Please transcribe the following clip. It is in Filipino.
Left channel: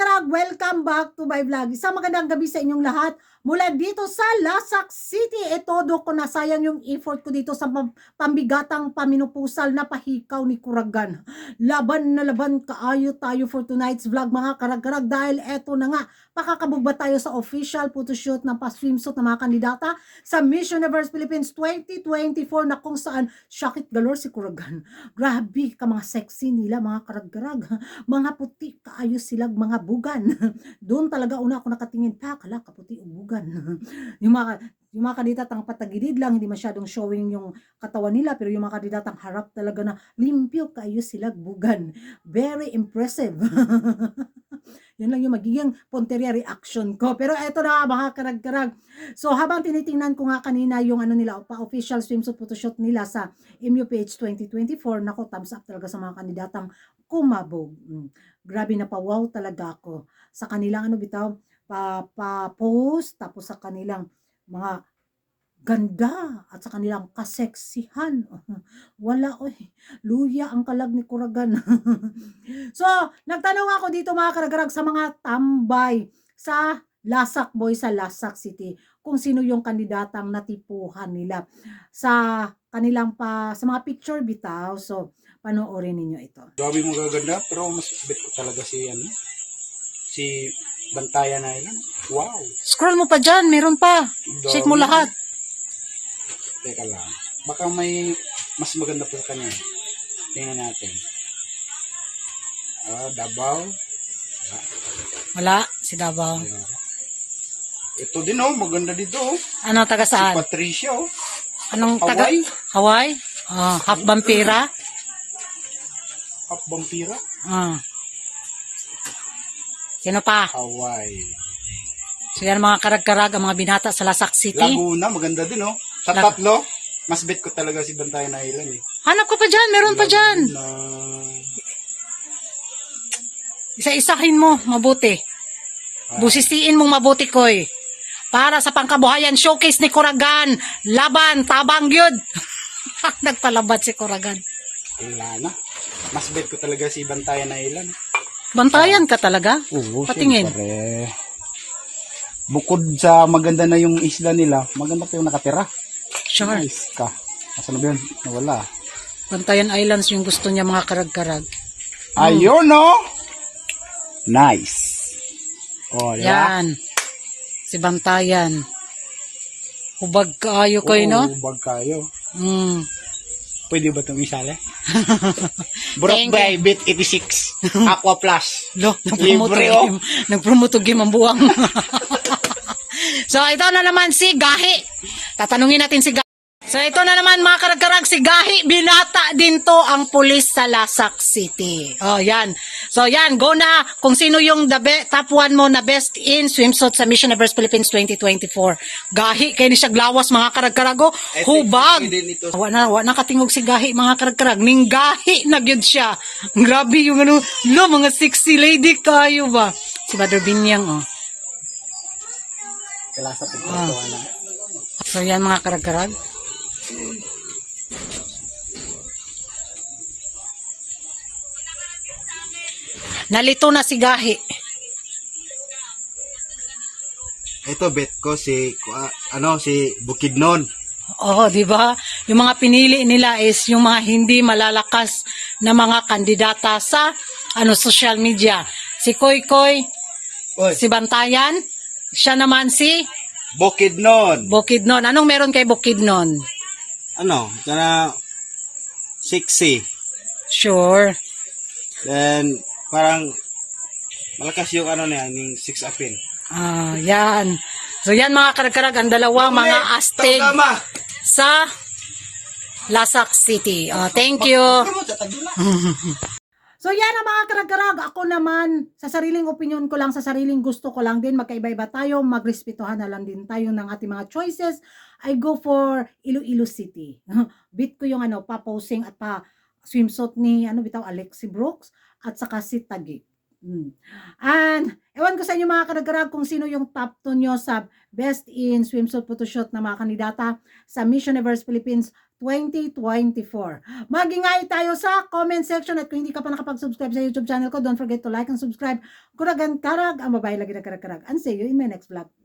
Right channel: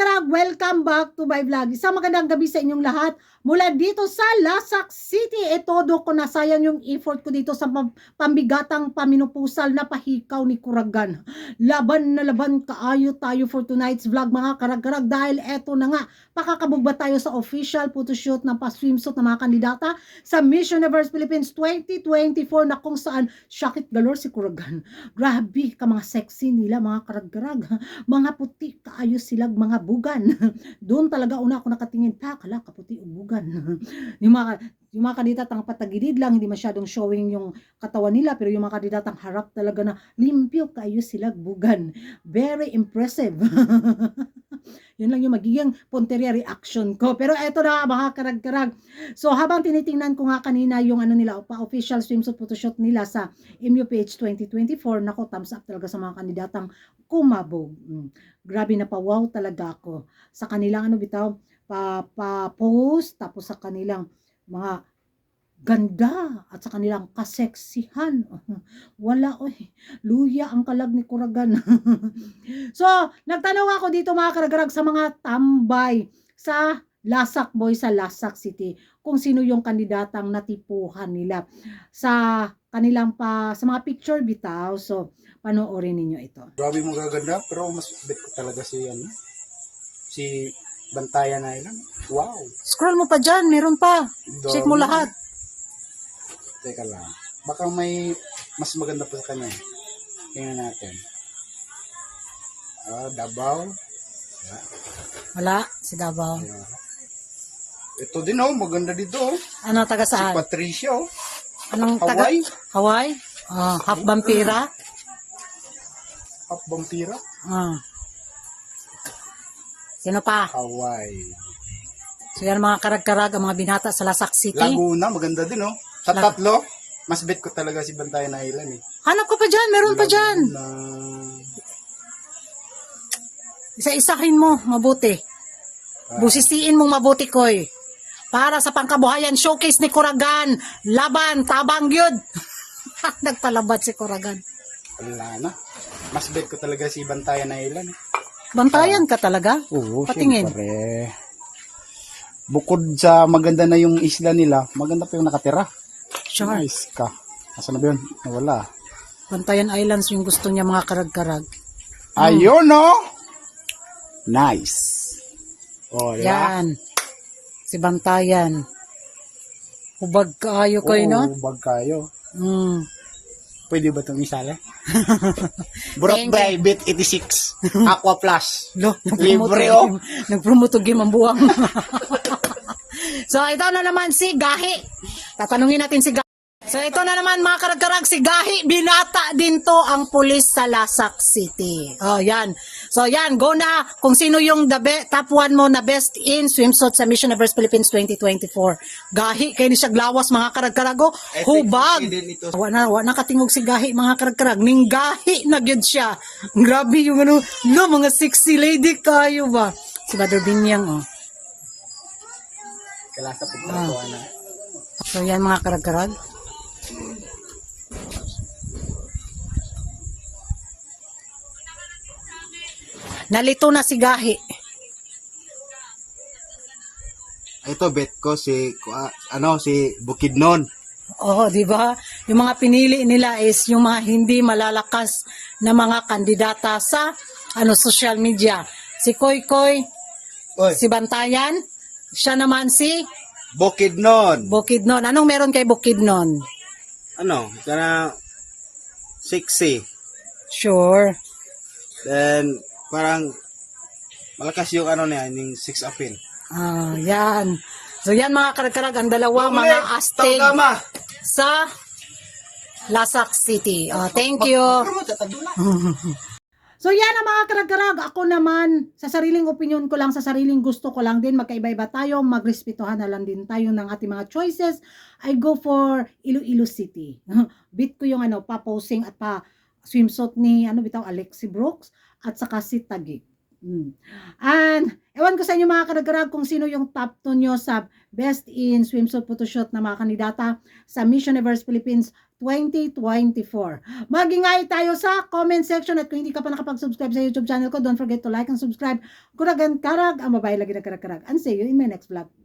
karag-karag, welcome back to my vlog. Isang magandang gabi sa inyong lahat. Mula dito sa Lasak City, todo ko nasayang yung effort ko dito sa pambigatang paminupusal na pahikaw ni Kuragan. Laban na laban kaayo tayo for tonight's vlog mga karag-karag dahil eto na nga, pakakabugba tayo sa official photoshoot ng pa-swimsuit ng mga kandidata sa Miss Universe Philippines 2024 na kung saan syakit galore si Kuragan. Grabe ka mga sexy nila mga karag-karag. Mga puti kaayo silag mga bugan. Doon talaga una ako nakatingin, kala kaputi o bugan. yung mga kandidatang patagilid lang, hindi masyadong showing yung katawan nila, pero yung mga kandidatang harap talaga na limpyo kaayo silag bugan. Very impressive. Yun lang yung magiging Ponteria reaction ko. Pero eto na mga karag-karag. So habang tinitingnan ko nga kanina yung ano nila, official swimsuit photoshoot nila sa MUPH 2024, nako thumbs up talaga sa mga kandidatang kumabog. Grabe na pa-wow talaga ako sa kanilang ano bitaw, pa-post, tapos sa kanilang mga ganda at sa kanilang kaseksihan. Wala luya ang kalag ni Kuragan. So, nagtanong ako dito mga karag-karag sa mga tambay sa Lasak Boy sa Lasak City kung sino yung kandidatang natipuhan nila sa kanilang sa mga picture bitaw. So, panoorin ninyo ito. Grabe mo gaganda, pero mas bet ko talaga si Bantayan na yun. Wow. Scroll mo pa dyan, meron pa. Check mo lahat. Teka lang. Baka may mas maganda pa sa kanya. Tingnan natin. Davao. Wala, si Davao. Ito din maganda dito. Ano, taga saan? Si Patricia Anong taga? Hawaii. Hawaii? Half vampira? Half vampira? Sino pa? Hawaii. So yan mga karag-karag, ang mga binata sa Lasak City. Laguna, maganda din Sa tatlo, mas bet ko talaga si Bantayan Island Hanap ka pa dyan, meron pa dyan. Isa-isahin mo, mabuti. Busisiin mong mabuti koy. Para sa pangkabuhayan, showcase ni Kuragan. Laban, tabang yun. Nagpalabat si Kuragan. Wala na. Mas bet ko talaga si Bantayan Island Bantayan ka talaga? Oo, patingin. Siyempre. Bukod sa maganda na yung isla nila, maganda pa yung nakatira. Sure. Nice ka. Asan na ba yun? Wala. Bantayan Islands yung gusto niya mga karag-karag. Ayun Nice. Yan. Si Bantayan. Hubag kayo kayo, no? Hubag kayo. Pwede ba itong isala? Brought by Bet 86 Aqua Plus. Nagpromote game ang buwang. So ito na naman si Gahi. Tatanungin natin si Gahi. So ito na naman mga karag-karag, si Gahi. Binata din to ang pulis sa Lasak City. Yan. So yan, go na kung sino yung top 1 mo na best in swimsuit sa Miss Universe Philippines 2024. Gahi, kaya ni siya glawas mga karag-karago. Hubag. Wala katingog si Gahi mga karag-karag. Ning Gahi na gyud siya. Grabe yung mga sexy lady kayo ba. Si Badr Binyang Kalasa po So yan mga karag-karag. Nalito na si Gahi. Ito bet ko si Bukidnon. Di ba? Yung mga pinili nila is yung mga hindi malalakas na mga kandidata sa social media. Si Koy Koy, si Bantayan, siya naman si Bukidnon. Anong meron kay Bukidnon? Sexy. Sure. Then parang malakas yung yung six apin. Yan. So yan mga karag-karag, ang dalawa mga astig sa Lasak City. Thank you. So yan ang mga karag-karag. Ako naman, sa sariling opinion ko lang, sa sariling gusto ko lang din, magkaiba-iba tayo, magrespetuhan na lang din tayo ng ating mga choices. I go for Iloilo City. Bit ko yung pa-posing at pa-swimsuit ni Alexi Brooks at saka si Taguig. And ewan ko sa inyo mga karag-karag kung sino yung top 2 nyo sa best in swimsuit photoshoot na mga kandidata sa Miss Universe Philippines 2024. Mag-ingay tayo sa comment section at kung hindi ka pa nakapag-subscribe sa YouTube channel ko, don't forget to like and subscribe. Kuragan karag, ang babae lagi na karag-karag. And see you in my next vlog.